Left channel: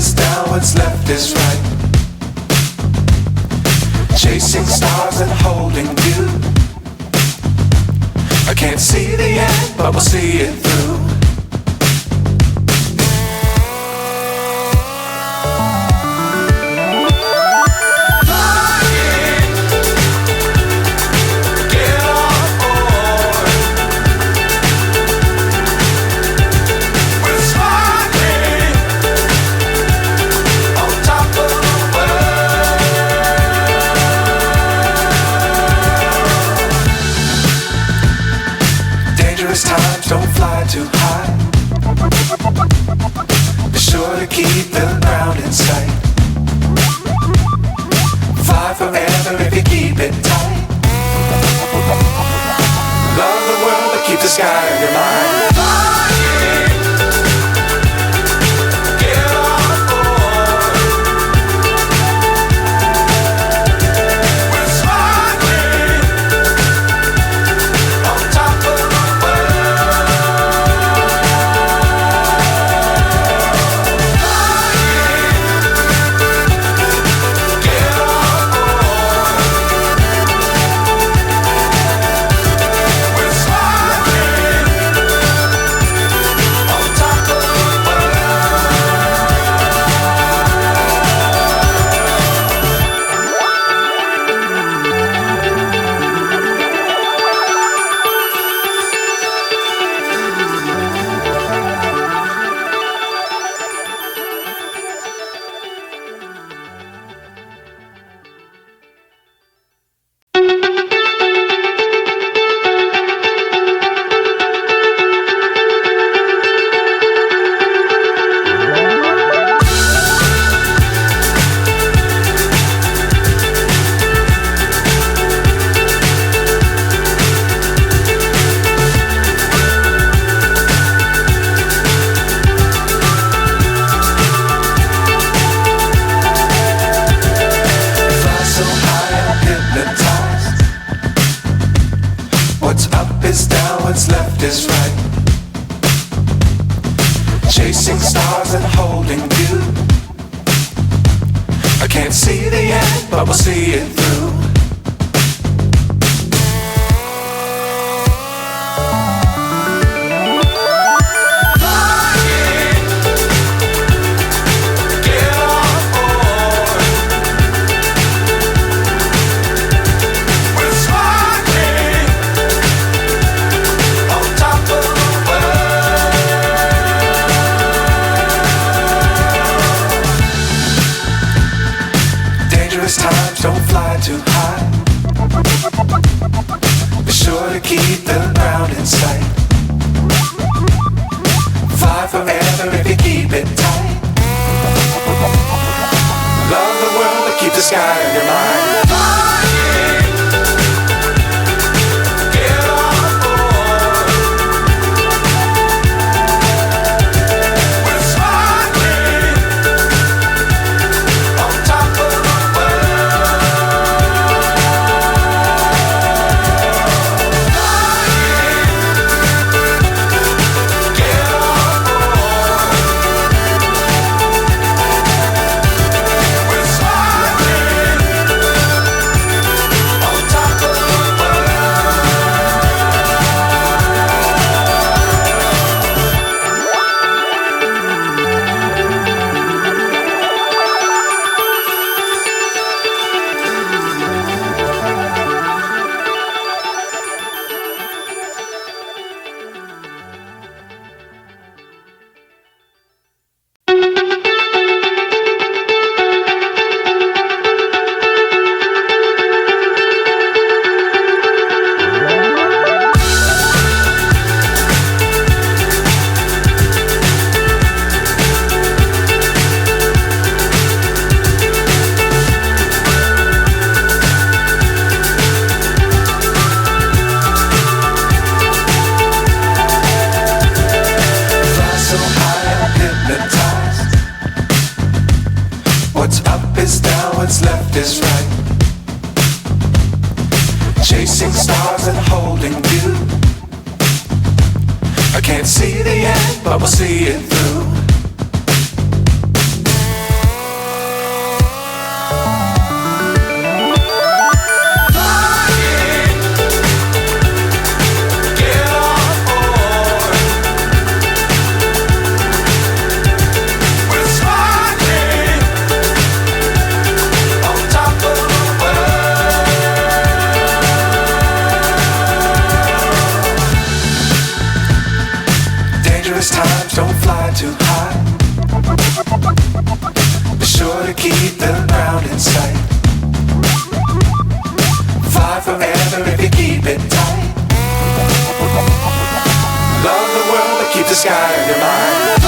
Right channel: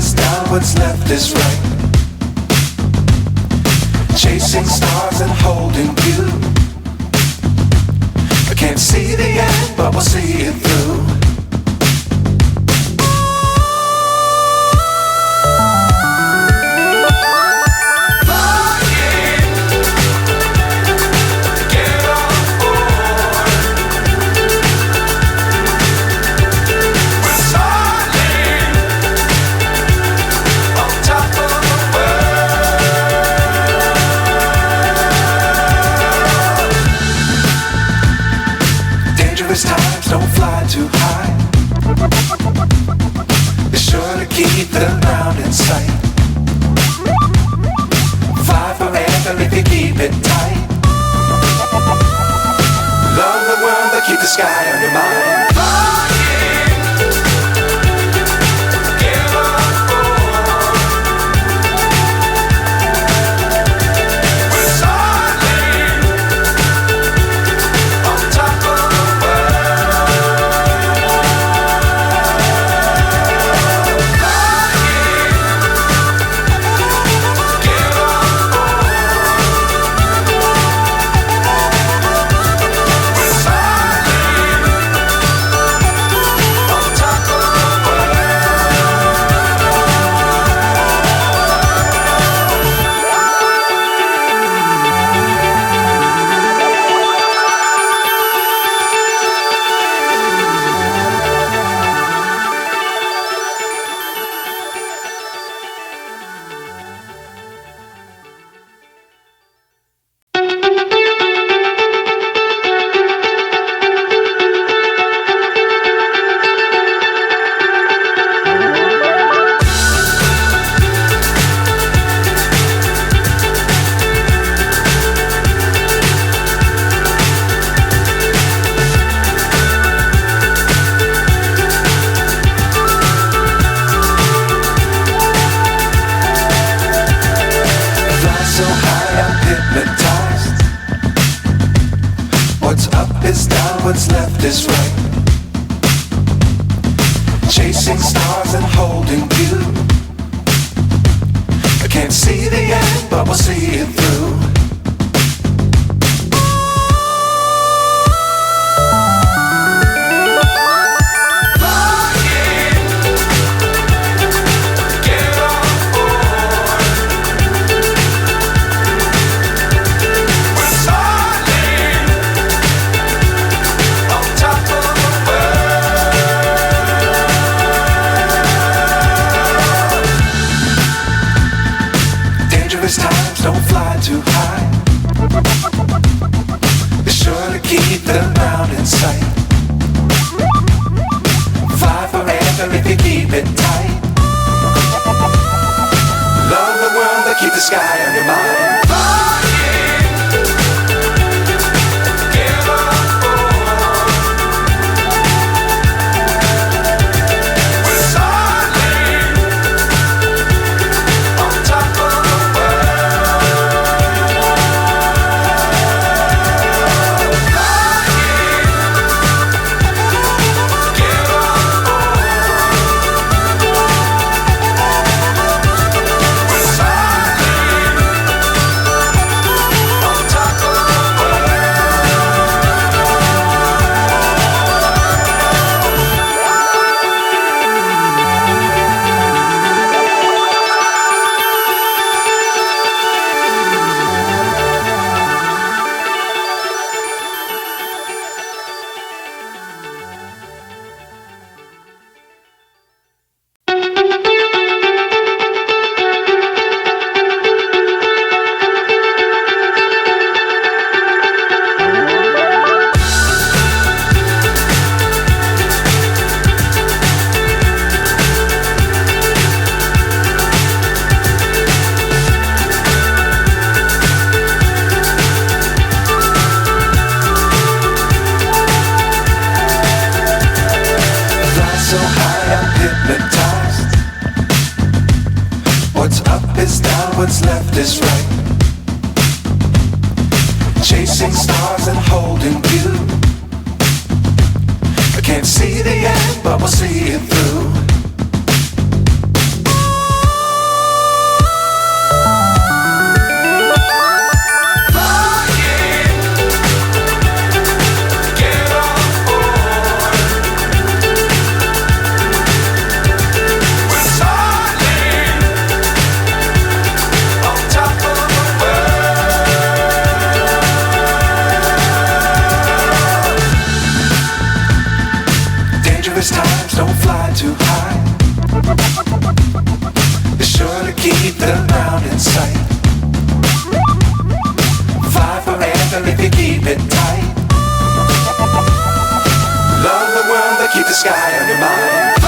is down, what's left is right. Chasing stars and holding you. I can't see the end, but we'll see it through. Times don't fly too high. Be sure to keep the ground in sight. Fly forever if you keep it tight. Love the world but keep the sky on your mind. So high I'm hypnotized. What's up is down, what's left is right. Chasing stars and holding you. I can't see the end, but we'll see it through. Times don't fly too high. Be sure to keep the ground in sight. Fly forever if you keep it tight. Love the world but keep the sky on your mind. So high I'm hypnotized. What's up is down, what's left is right. Chasing stars and holding you. I can't see the end, but we'll see it through. don't fly too high. Be sure to keep the ground in sight. Fly forever if you keep it tight. Love the world, but keep the sky on your mind.